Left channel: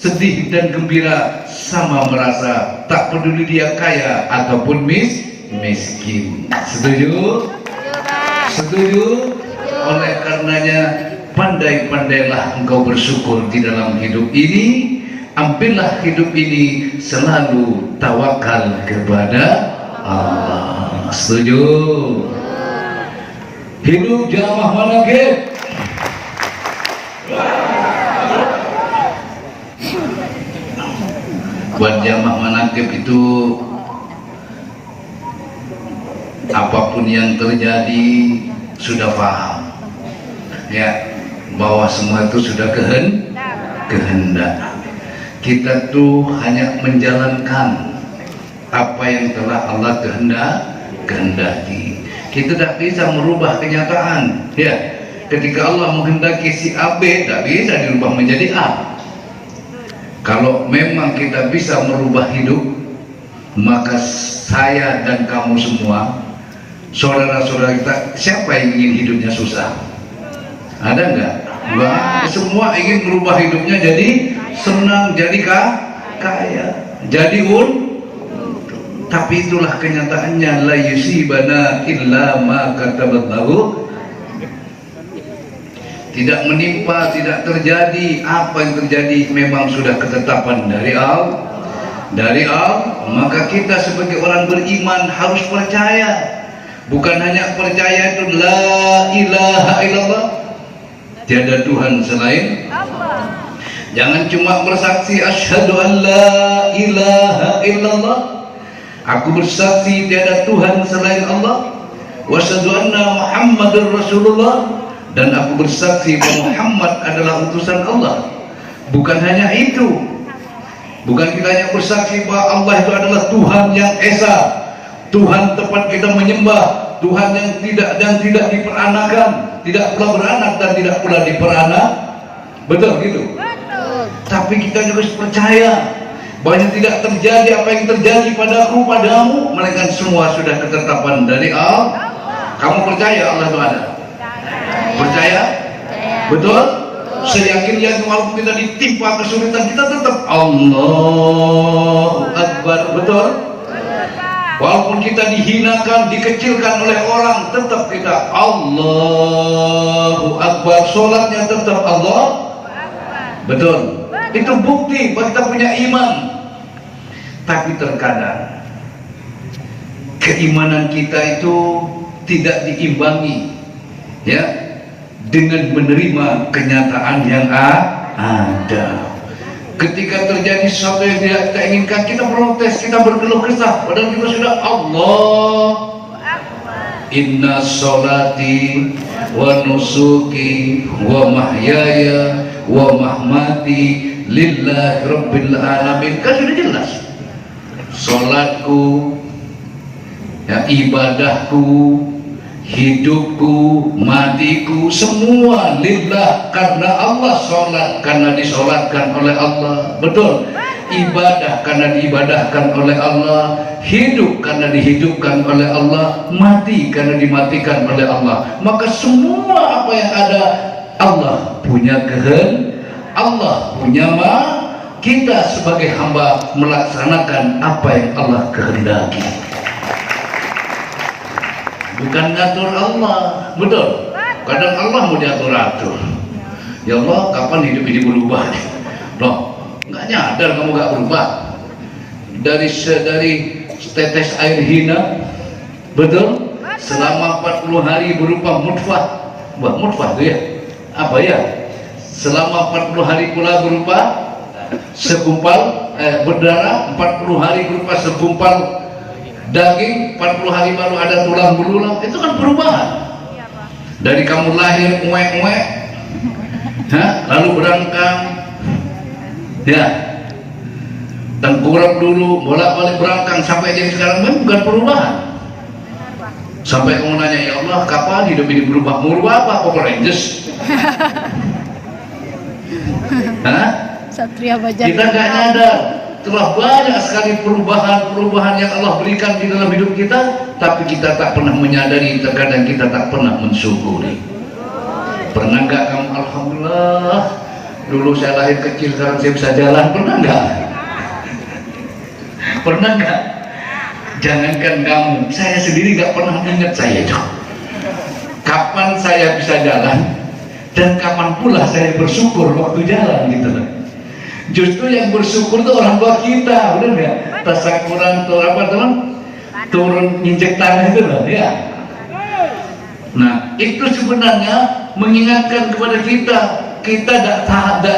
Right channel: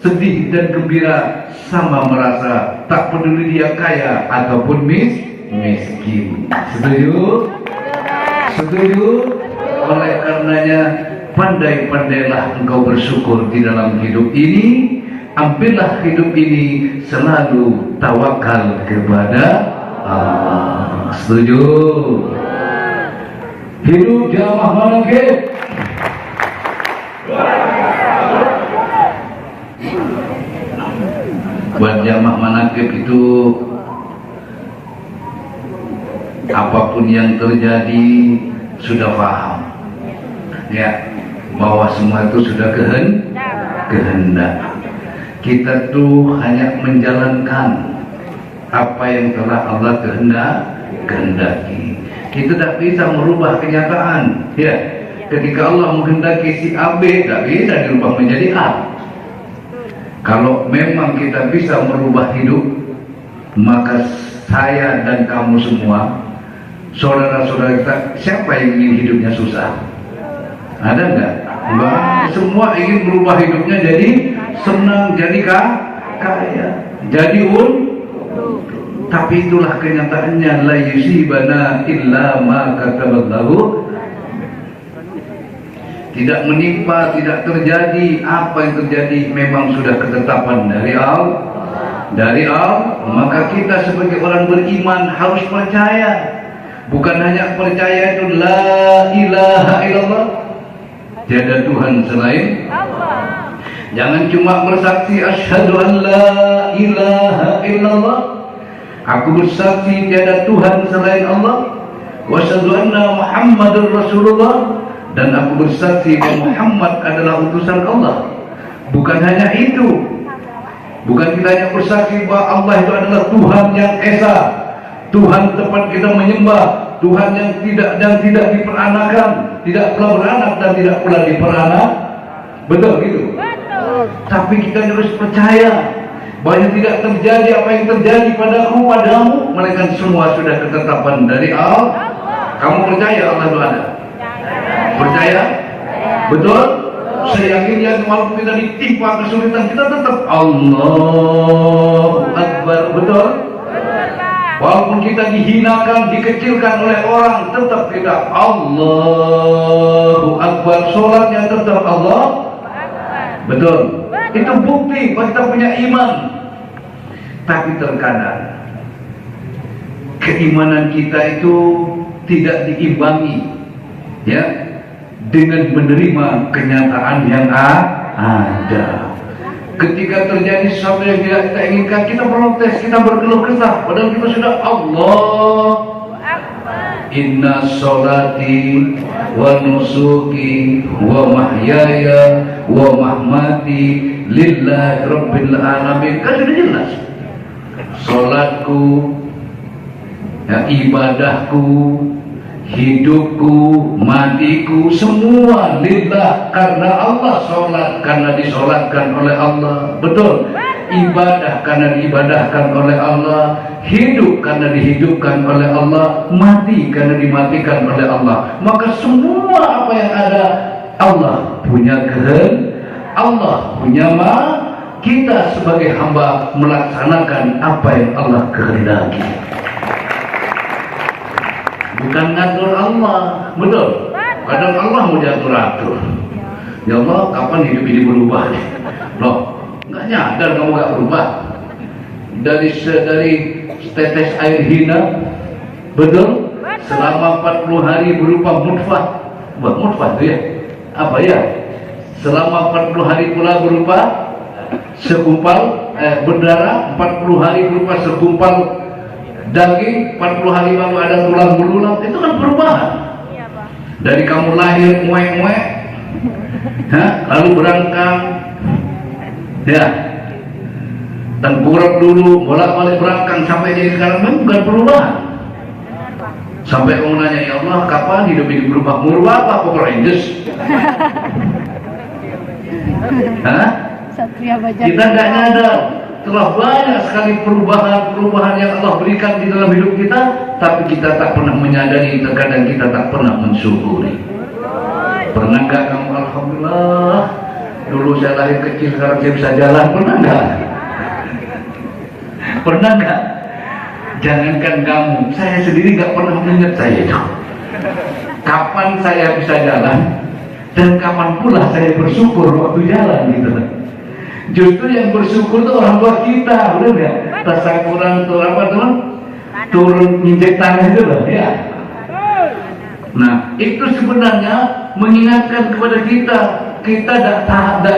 sedih dan gembira sama merasa, tak peduli dia kaya ataupun miskin. Setuju? Setuju? Oleh karenanya pandai-pandailah engkau bersyukur di dalam hidup ini. Ambillah hidup ini selalu tawakal kepada Allah. Setuju? Hidup jamaah manaqib. Buat jamaah manaqib itu, apapun yang terjadi sudah paham ya, bahwa semua itu sudah kehendak. Kita tuh hanya menjalankan apa yang telah Allah kehendaki. Kita tidak bisa merubah kenyataan ya. Ketika Allah menghendaki si A B, tidak bisa dirubah menjadi A. Kalau memang kita bisa merubah hidup, maka saya dan kamu semua, saudara-saudara kita, siapa yang ingin hidupnya susah? Ada enggak? Enggak. Semua ingin merubah hidupnya jadi senang, jadi kaya, jadi tapi itulah kenyataannya, la yusibana illa ma kataballahu. Tidak menimpa, tidak terjadi. Apa yang terjadi memang sudah ketetapan dari Allah. Maka kita sebagai orang beriman harus percaya. Bukan hanya percaya itu la ilaha illallah, tiada Tuhan selain. Jangan cuma bersaksi asyhadu an la ilaha illallah, aku bersaksi tiada Tuhan selain Allah, wa asyhadu anna Muhammadar Rasulullah, dan aku bersaksi bahwa Muhammad adalah utusan Allah. Bukan hanya itu, bukan kita hanya bersaksi bahwa Allah itu adalah Tuhan yang esa, Tuhan tempat kita menyembah, Tuhan yang tidak diperanakan, tidak pula beranak dan tidak pula diperanak. Betul gitu? Tapi kita harus percaya bahwa tidak terjadi apa yang terjadi padaku, padamu, melainkan semua sudah ketetapan dari Allah. Kamu percaya Allah itu ada? Percaya? Betul? Seyakinnya walaupun kita ditimpa kesulitan, kita tetap Allahu Akbar. Betul? Walaupun kita dihinakan, dikecilkan oleh orang, tetap kita Allahu Akbar. Sholatnya tetap Allah. Betul? Itu bukti bahwa kita punya iman. Tapi terkadang keimanan kita itu tidak diimbangi ya dengan menerima kenyataan yang ada. Ketika terjadi sesuatu yang tidak kita inginkan, kita protes, kita berkeluh kesah, padahal kita sudah Allah. Inna sholati wa nusuki wa mahyaya wa mahmati lillahi rabbil alamin. Kan sudah jelas. Sholatku, ya, ibadahku, hidupku, matiku, semua lillah, karena Allah. Sholat karena disolatkan oleh Allah. Betul? Ibadah karena diibadahkan oleh Allah, hidup karena dihidupkan oleh Allah, mati karena dimatikan oleh Allah. Maka semua apa yang ada, Allah punya kehendak, Allah punya kita sebagai hamba melaksanakan apa yang Allah kehendaki. Bukan ngatur Allah. Betul? Kadang Allah mau diatur-atur. Ya Allah, kapan hidup ini berubah? Loh, nggak nyadar kamu nggak berubah. Dari setetes air hina, betul? Selama 40 hari berupa mutfah. Mutfah itu ya? Apa ya? Selama 40 hari pula berupa segumpal berdarah, 40 hari berupa segumpal daging, 40 hari lalu ada tulang belulang. Itu kan perubahan. Dari kamu lahir muek-muek, lalu berangkang, ya, tengkurap dulu, bolak-balik berangkang sampai jadi sekarang, kan bukan perubahan. Sampai kamu nanya, ya Allah, kapan hidup ini berubah? Berubah apa? Power Rangers? Kita nggak nyadar. Telah banyak sekali perubahan-perubahan yang Allah berikan di dalam hidup kita, tapi kita tak pernah menyadari, terkadang kita tak pernah mensyukuri. Pernah nggak kamu alhamdulillah dulu saya lahir kecil sekarang saya bisa jalan, pernah nggak? Pernah nggak? Jangankan kamu, saya sendiri nggak pernah ingat saya itu. Kapan saya bisa jalan dan kapan pula saya bersyukur waktu jalan gitu. Justru yang bersyukur itu orang tua kita, benar nggak? Tasakuran turun apa teman? Turun injek tanah itu loh, ya. Nah, itu sebenarnya mengingatkan kepada kita tidak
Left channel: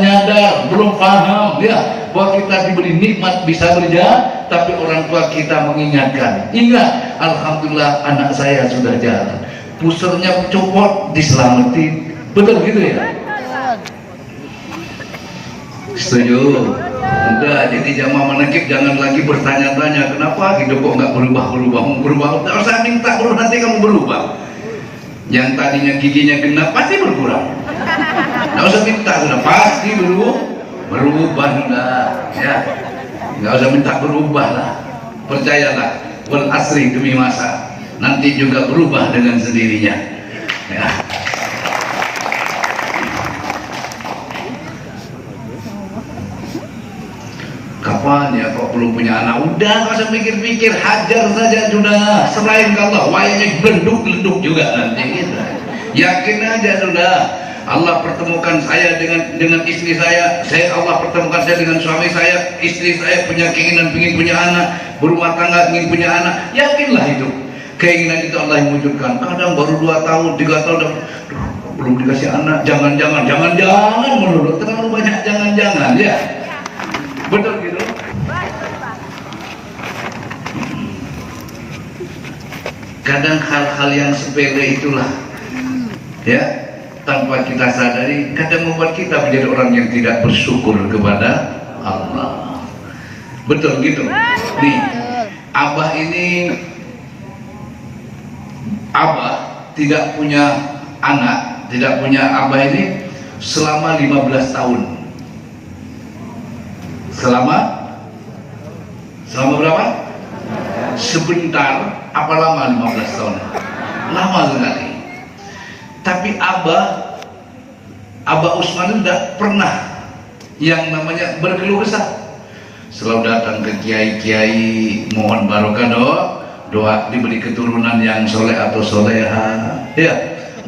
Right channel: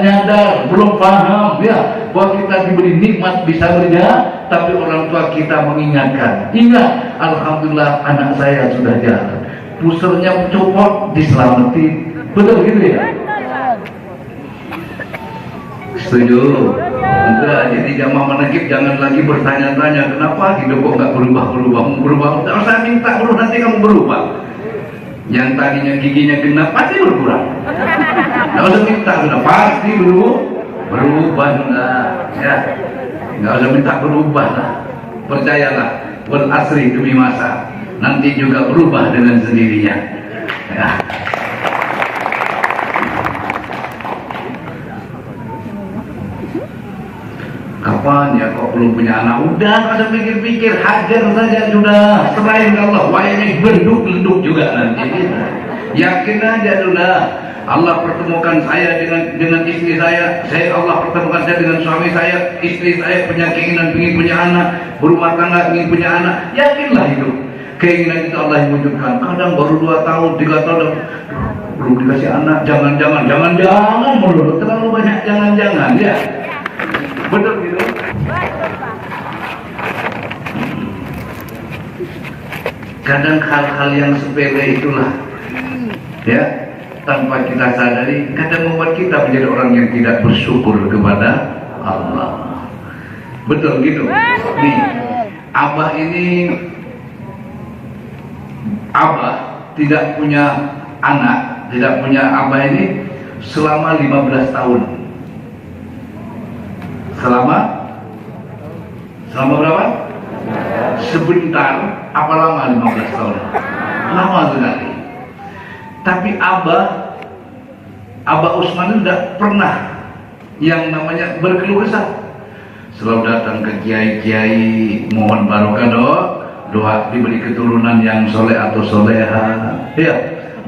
nyadar, belum paham, ya, bahwa kita diberi nikmat bisa berjalan, tapi orang tua kita mengingatkan. Ingat, alhamdulillah anak saya sudah jalan. Pusernya copot, diselamatin. Betul gitu ya? Setuju? Udah, jadi jamaah menekip jangan lagi bertanya-tanya kenapa hidup kok nggak berubah. Tak usah minta dulu, nanti kamu berubah. Yang tadinya giginya genap pasti berkurang. Nggak usah minta, sudah pasti berubah sudah. Ya, nggak usah minta berubah lah. Percayalah, wal asri demi masa, nanti juga berubah dengan sendirinya. Ya. Kapan ya kok belum punya anak? Udah nggak usah pikir-pikir, hajar saja sudah. Selain Allah, wayangnya geleduk juga nanti. Yakin aja sudah. Allah pertemukan saya dengan istri saya Allah pertemukan saya dengan suami saya, istri saya punya keinginan ingin punya anak, berumah tangga ingin punya anak. Yakinlah itu. Keinginan itu Allah yang wujudkan. Kadang baru 2 tahun, 3 tahun belum dikasih anak. Jangan-jangan menurut terlalu banyak jangan-jangan ya. Betul gitu. Kadang hal-hal yang sepele itulah ya, tanpa kita sadari kadang membuat kita menjadi orang yang tidak bersyukur kepada Allah. Betul gitu. Nih, Abah tidak punya anak, Abah ini selama 15 tahun. Selama berapa? Sebentar, apa lama 15 tahun? Lama sekali. Tapi Abah Usman tidak pernah yang namanya berkeluh kesah. Selalu datang ke kiai-kiai mohon barokah doa diberi keturunan yang soleh atau soleha. Ya,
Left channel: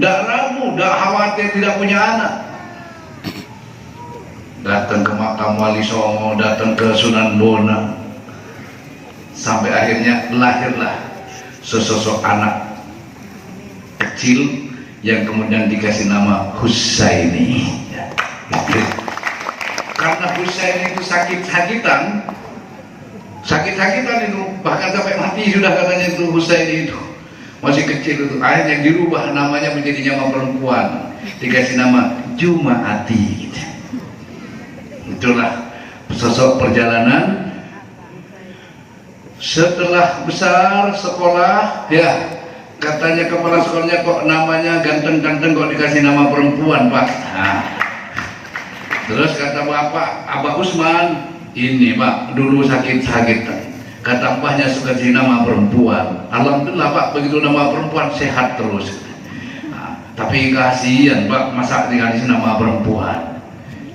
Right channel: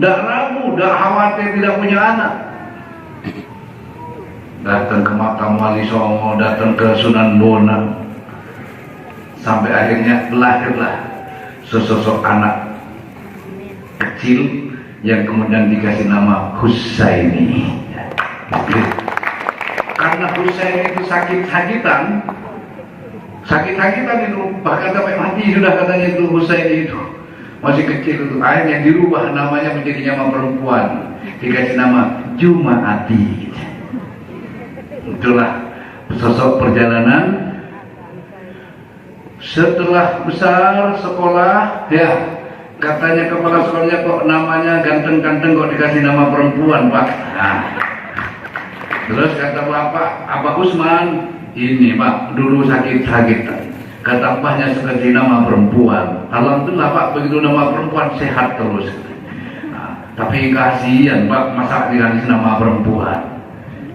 tidak ragu, tidak khawatir tidak punya anak. Datang ke makam Wali Songo, datang ke Sunan Bonang, sampai akhirnya lahirlah sesosok anak kecil yang kemudian dikasih nama Husaini. Karena Husaini itu sakit-sakitan itu, bahkan sampai mati sudah katanya itu Husaini itu masih kecil itu, akhirnya dirubah namanya menjadi nama perempuan, dikasih nama Jumaati. Itulah sosok perjalanan. Setelah besar sekolah, ya katanya kepala sekolahnya kok namanya ganteng-ganteng kok dikasih nama perempuan, Pak. Nah, terus kata Bapak, Abah Usman, ini Pak dulu sakit-sakitan. Kata Abahnya dikasih nama perempuan. Alhamdulillah Pak, begitu nama perempuan sehat terus. Nah, tapi kasihan Pak, masa dikasih nama perempuan.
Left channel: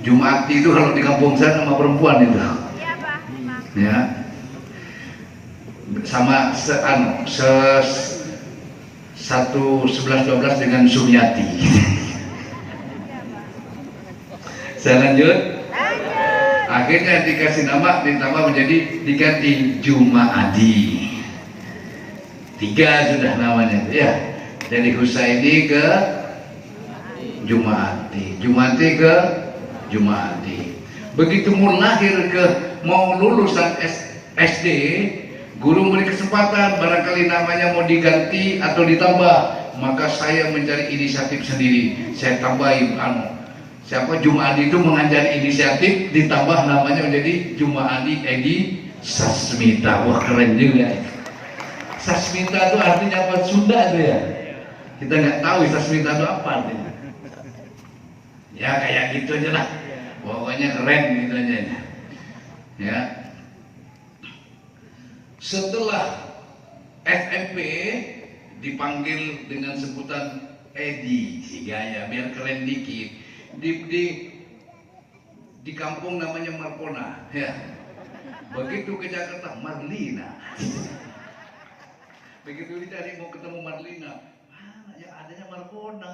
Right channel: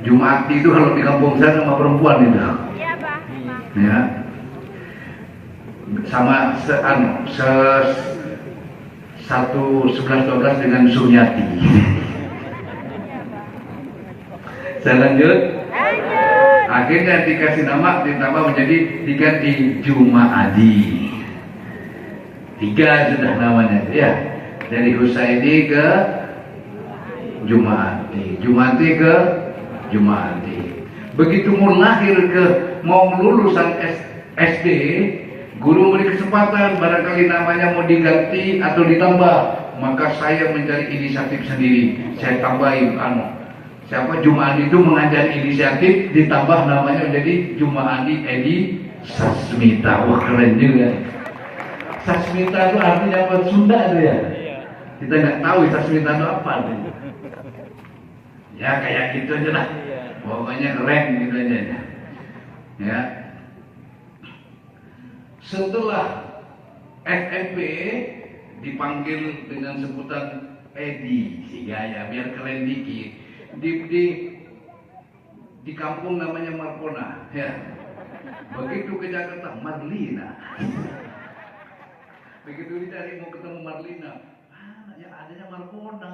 Jumaati itu kalau di kampung saya nama perempuan itu. Iya, Pak. Ya. Sama 11-12 dengan Suryati. Saya lanjut. Akhirnya dikasih nama, ditambah menjadi diganti Jumaadi. 3 sudah namanya, ya. Dari Husaini ke Jumaati ke Jumaadi. Begitu mau lahir mau lulusan SD, guru beri kesempatan barangkali namanya mau diganti atau ditambah, maka saya mencari inisiatif sendiri. Saya tambahin Jumaadi itu mengajar inisiatif, ditambah namanya menjadi Jumaadi Edi Sasmita. Wah, keren juga. Sasmita itu artinya apa? Sunda itu ya. Kita nggak tahu Sasmita itu apa artinya. Ya kayak gitu aja lah. Pokoknya keren gitu aja. Ya. Setelah FMP dipanggil dengan sebutan Edi, si gaya biar keren dikit. di kampung namanya Markona, ya. Begitu ke Jakarta, Marlina. Begitu dicari mau ketemu Marlina, mana yang adanya Markona.